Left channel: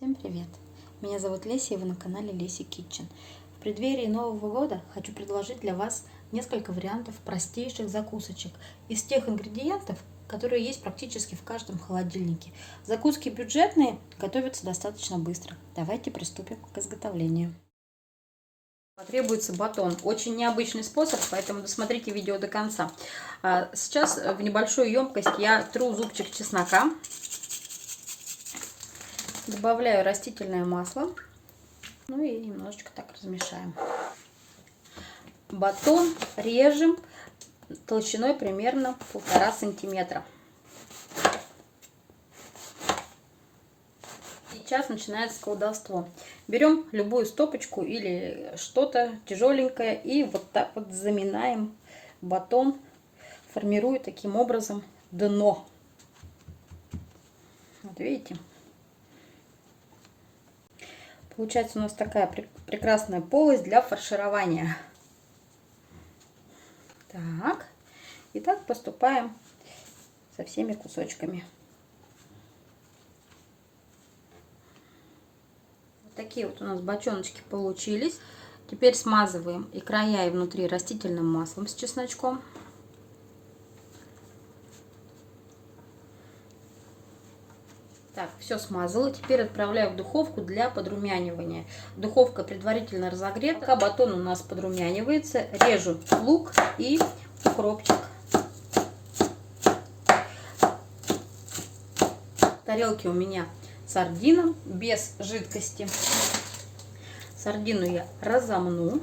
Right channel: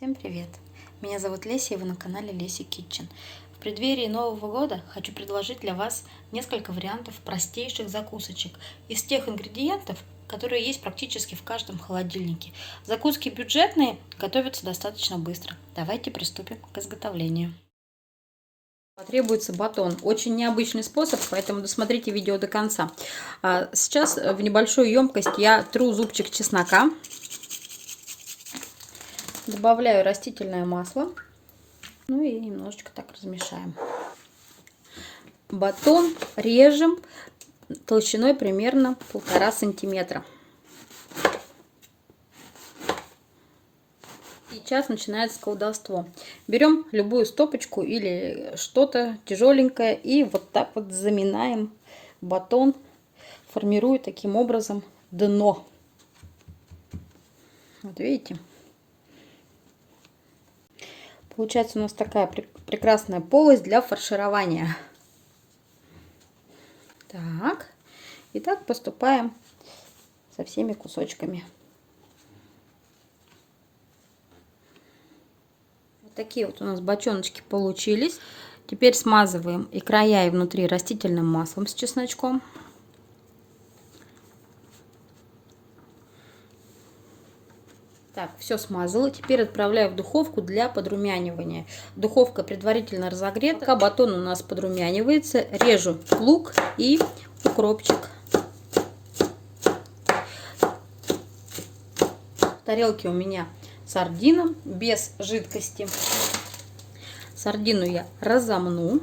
Всем привет! Меня зовут Леся, и вы на канале Леся Kitchen. В преддверии Нового года хочу предложить для вас несколько вариантов простейших закусочек из тех ингредиентов, которые есть практически в каждом холодильнике. Закуски бюджетные, готовятся достаточно быстро. Давайте приступим к изготовлению. Потребуется батон. Очень необычный способ, поэтому досмотрите видео до конца. Сейчас в небольшую емкость я тру зубчик чеснока. Добавляю растительное масло. Ну и немножечко так размешаем. Батон режем толщиной примерно 1,5 сантиметра. Сейчас начинается колдовство. Берем любую стопочку или что-то тяжеленькое и вот так вот заминаем батон, формируя таким образом дно. Вот видите? Получается у нас такая прекрасная полость для фарширования. Так, и так поступаем со всеми кусочками. Вот такие вот у нас бочоночки получились. Теперь смазываем и края, и внутри растительным маслом с чесночком. Так, все смазала. Теперь отправляю в духовку для подрумянивания. Духовка предварительно разогрета. Пока батон у нас подрумянивается, режу лук и укропчик. В тарелке у меня сардина без жидкости. Сардину я разомну.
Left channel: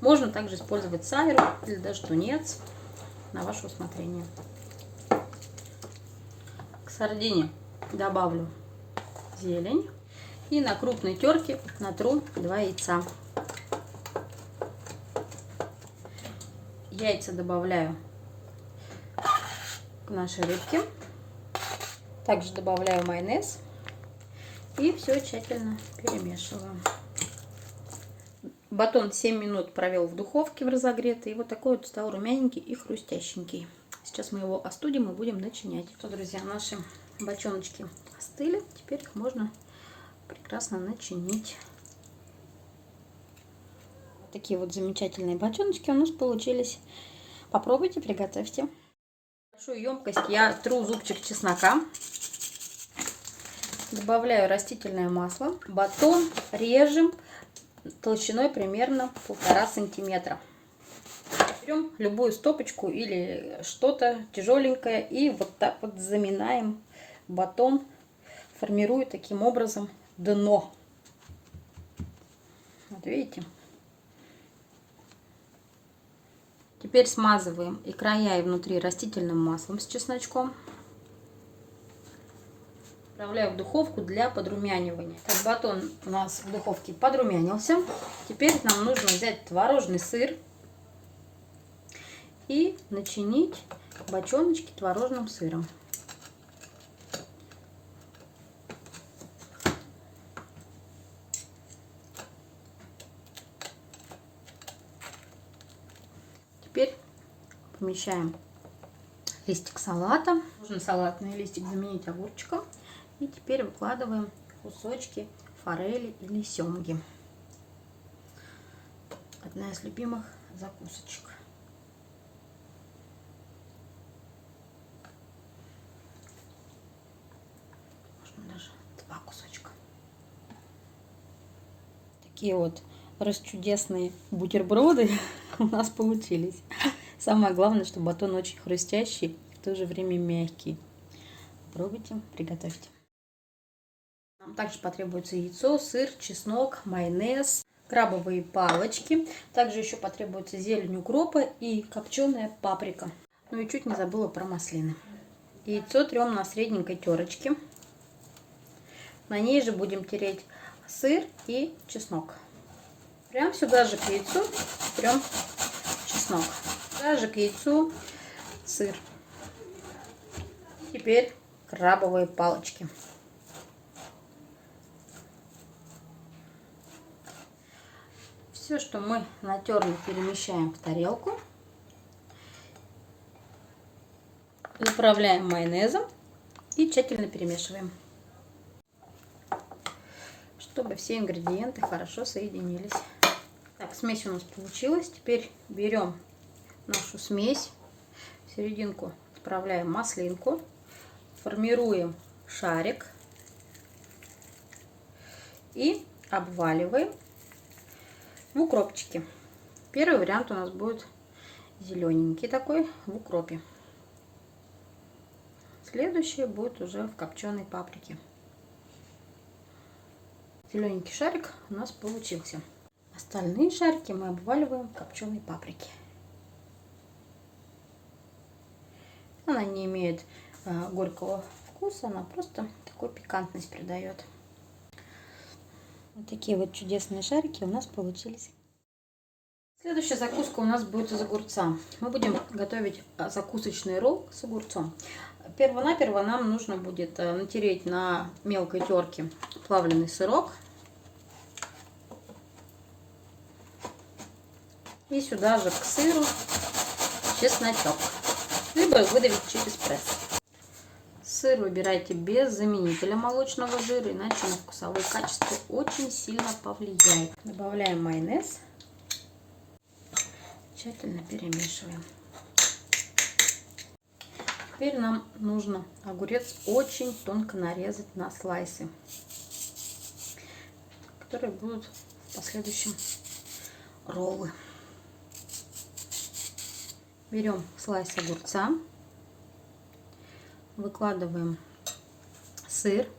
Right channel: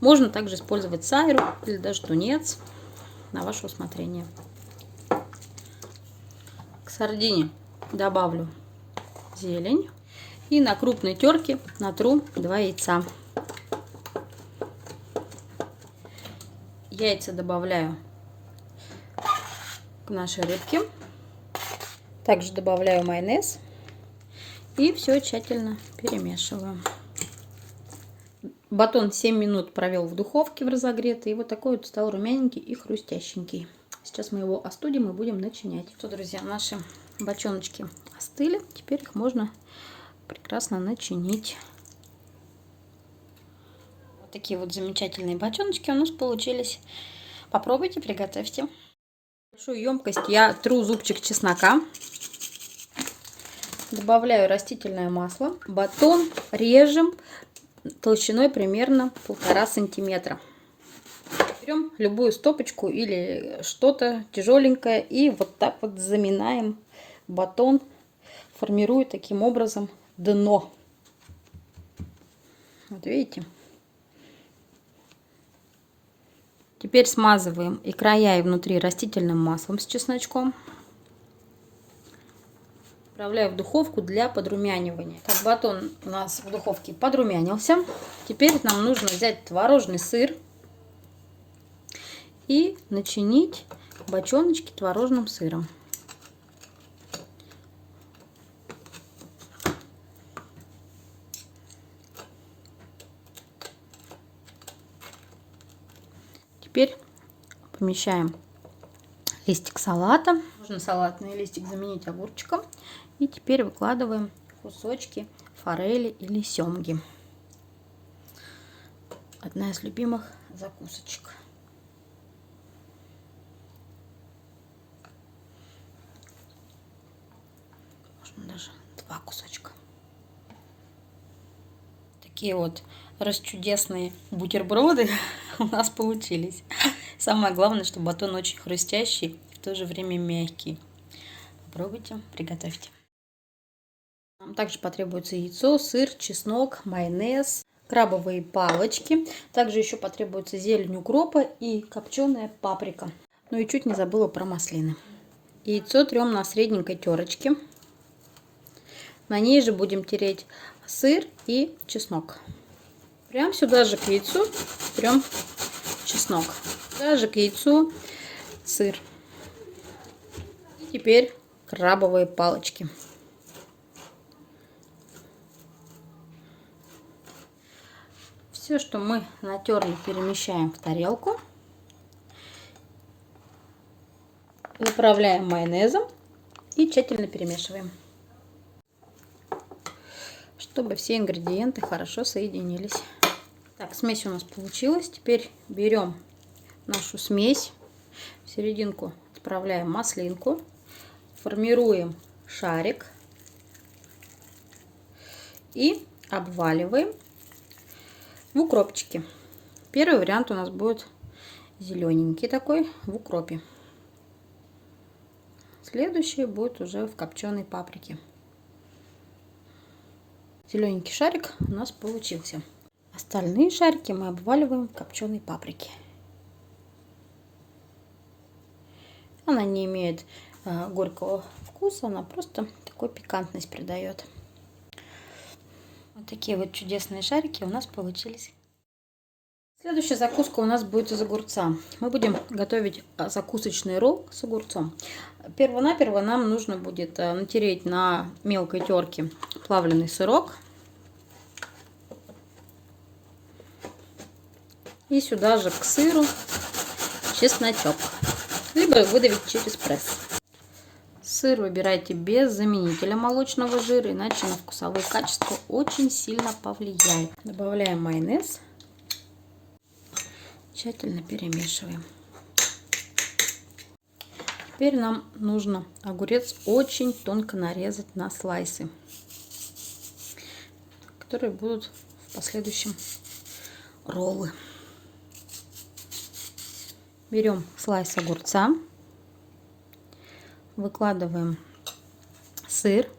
Можно также использовать сайру или даже тунец, на ваше усмотрение. К сардине добавлю зелень и на крупной терке натру 2 яйца. Яйца добавляю к нашей рыбке. Также добавляю майонез и все тщательно перемешиваю. Батон 7 минут провел в духовке в разогретой, и вот такой вот стал румяненький и хрустященький. Сейчас мы его остудим и будем начинять. Что, друзья, наши бочоночки остыли, теперь их можно прекрасно начинить. Вот такие вот замечательные бочоночки у нас получились. Попробуйте, приготовьте. В большую емкость я тру зубчик чеснока. Добавляю растительное масло. Батон режем толщиной примерно 1,5 сантиметра. Берем любую стопочку или что-то тяжеленькое и вот так вот заминаем батон, формируя таким образом дно. Вот видите? Теперь смазываем и края, и внутри растительным маслом с чесночком. Отправляю в духовку для подрумянивания. Так, батон у нас в духовке подрумянился. Теперь нам нужно взять творожный сыр и начинить бочоночки творожным сыром. Теперь помещаем листик салата. Можно салатный листик заменить огурчиком. И теперь выкладываем кусочки форели или семги. Одна из любимых закусочек. Можно даже 2 кусочка. Такие вот расчудесные бутерброды у нас получились. Самое главное, что батон очень хрустящий и в то же время мягкий. Попробуйте, приготовьте. Нам также потребуется яйцо, сыр, чеснок, майонез, крабовые палочки. Также еще потребуется зелень укропа и копченая паприка. Ну и чуть не забыла про маслины. Яйцо трем на средненькой терочке. На ней же будем тереть сыр и чеснок. Прям сюда же к яйцу трем чеснок. Сюда же к яйцу сыр. И теперь крабовые палочки. Все, что мы натерли, перемещаем в тарелку. Заправляем майонезом и тщательно перемешиваем. чтобы все ингредиенты хорошо соединились. Так, смесь у нас получилась. Теперь берем нашу смесь, в серединку отправляем маслинку, формируем шарик и обваливаем в укропчике. Первый вариант у нас будет зелененький такой в укропе. Следующий будет уже в копченой паприке. Зелененький шарик у нас получился. Остальные шарики мы обваливаем в копченой паприке. Она не имеет горького вкуса, она просто такой пикантность придает. Вот такие вот чудесные шарики у нас получились. Следующая закуска у нас будет из огурца. Мы будем готовить закусочный ролл с огурцом. Перво-наперво нам нужно будет натереть на мелкой терке плавленый сырок. И сюда же к сыру чесночок. Либо выдавить через пресс. Сыр выбирайте без заменителя молочного жира, иначе на вкусовые качества очень сильно повлияет. Добавляем майонез. Тщательно перемешиваем. Теперь нам нужно огурец очень тонко нарезать на слайсы, которые будут в последующем роллы. Берем слайс огурца, выкладываем сыр.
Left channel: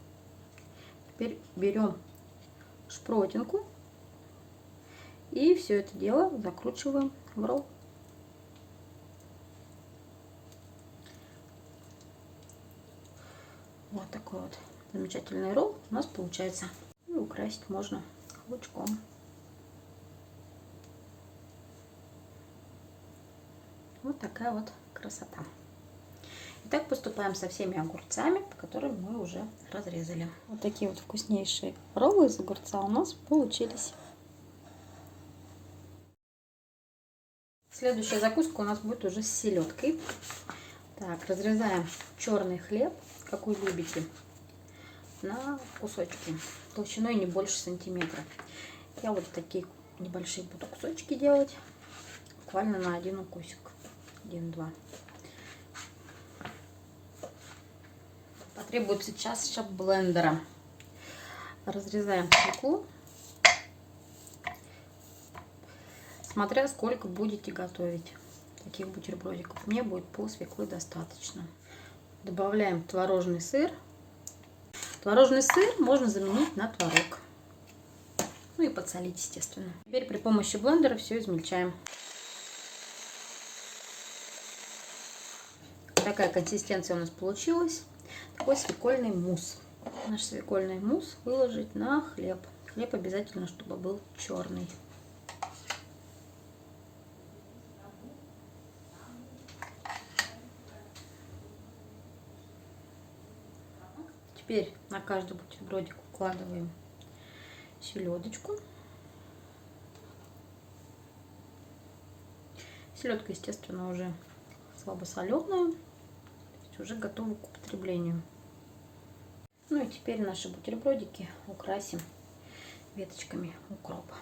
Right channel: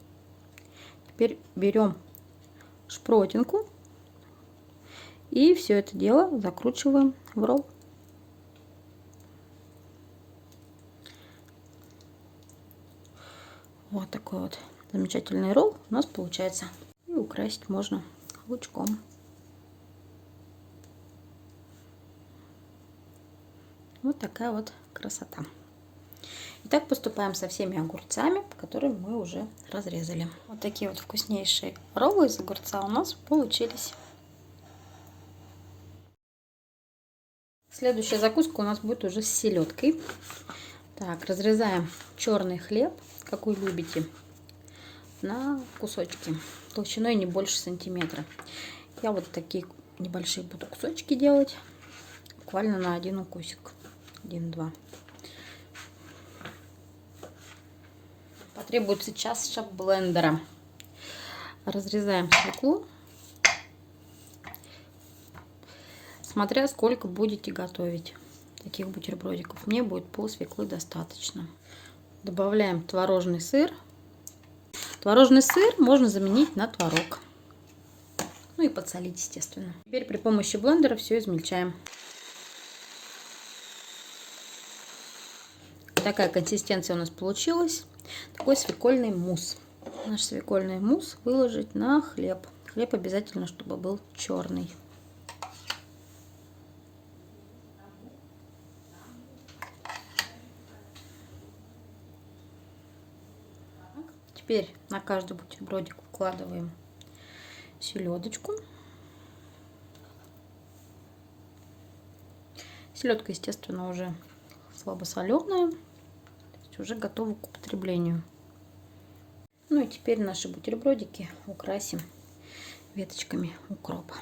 Теперь берем шпротинку и все это дело закручиваем в ролл. Вот такой вот замечательный ролл у нас получается. И украсить можно лучком. Вот такая вот красота. И так поступаем со всеми огурцами, которые мы уже разрезали. Вот такие вот вкуснейшие роллы из огурца у нас получились. Следующая закуска у нас будет уже с селедкой. Так, разрезаем черный хлеб, какой любите, на кусочки толщиной не больше сантиметра. Я вот такие небольшие буду кусочки делать, буквально на один укусик, 1-2. Потребуется чаша блендера. Разрезаем свеклу, смотря сколько будете готовить таких бутербродиков. Мне будет пол свеклы достаточно. Добавляем творожный сыр. Творожный сыр можно заменить на творог. Ну и подсолить, естественно. Теперь при помощи блендера все измельчаем. Такая консистенция у нас получилась. Такой свекольный мусс. Наш свекольный мусс выложить на хлеб. Хлеб обязательно, чтобы был черный. Теперь на каждый бутербродик укладываем селедочку. Селедка, естественно, уже слабосоленая, уже готова к употреблению. Ну и теперь наши бутербродики украсим веточками укропа.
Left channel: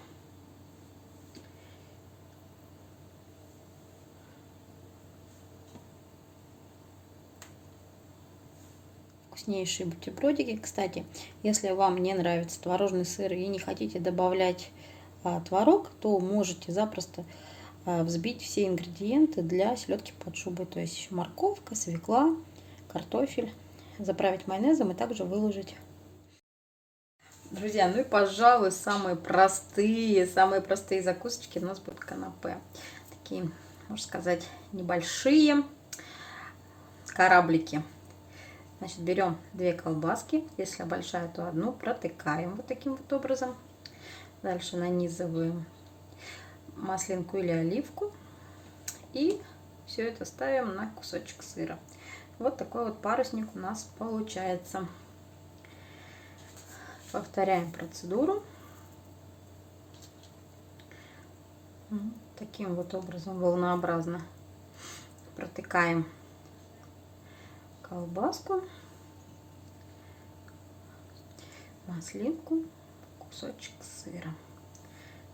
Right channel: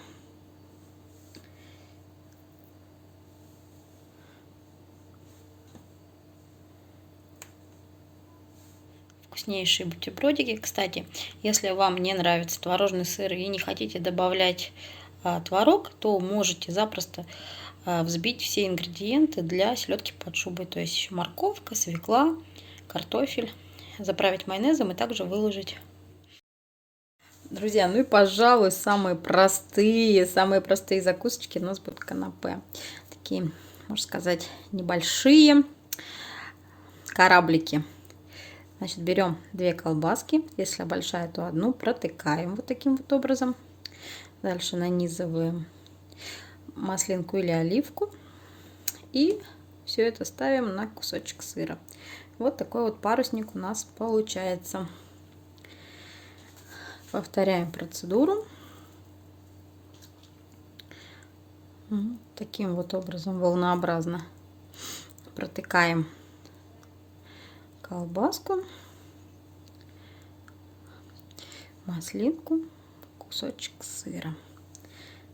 Вкуснейшие бутербродики. Кстати, если вам не нравится творожный сыр и не хотите добавлять творог, то можете запросто взбить все ингредиенты для селедки под шубой. То есть еще морковка, свекла, картофель. Заправить майонезом и также выложить. Друзья, ну и, пожалуй, самые простые закусочки у нас будут канапе. Такие, можно сказать, небольшие кораблики. Значит, берем 2 колбаски, если большая, то одну, протыкаем вот таким вот образом. Дальше нанизываем маслинку или оливку и все это ставим на кусочек сыра. Вот такой вот парусник у нас получается. Повторяем процедуру. Таким вот образом волнообразно протыкаем колбаску, маслинку, кусочек сыра.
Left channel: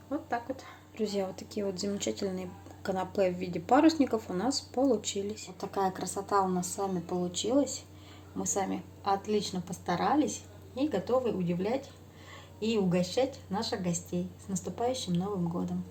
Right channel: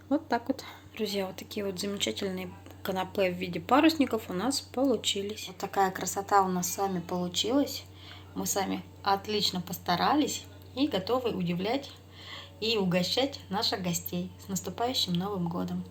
Вот так вот. Друзья, вот такие вот замечательные канапе в виде парусников у нас получились. Вот такая красота у нас с вами получилась. Мы сами отлично постарались и готовы удивлять и угощать наших гостей. С наступающим Новым годом!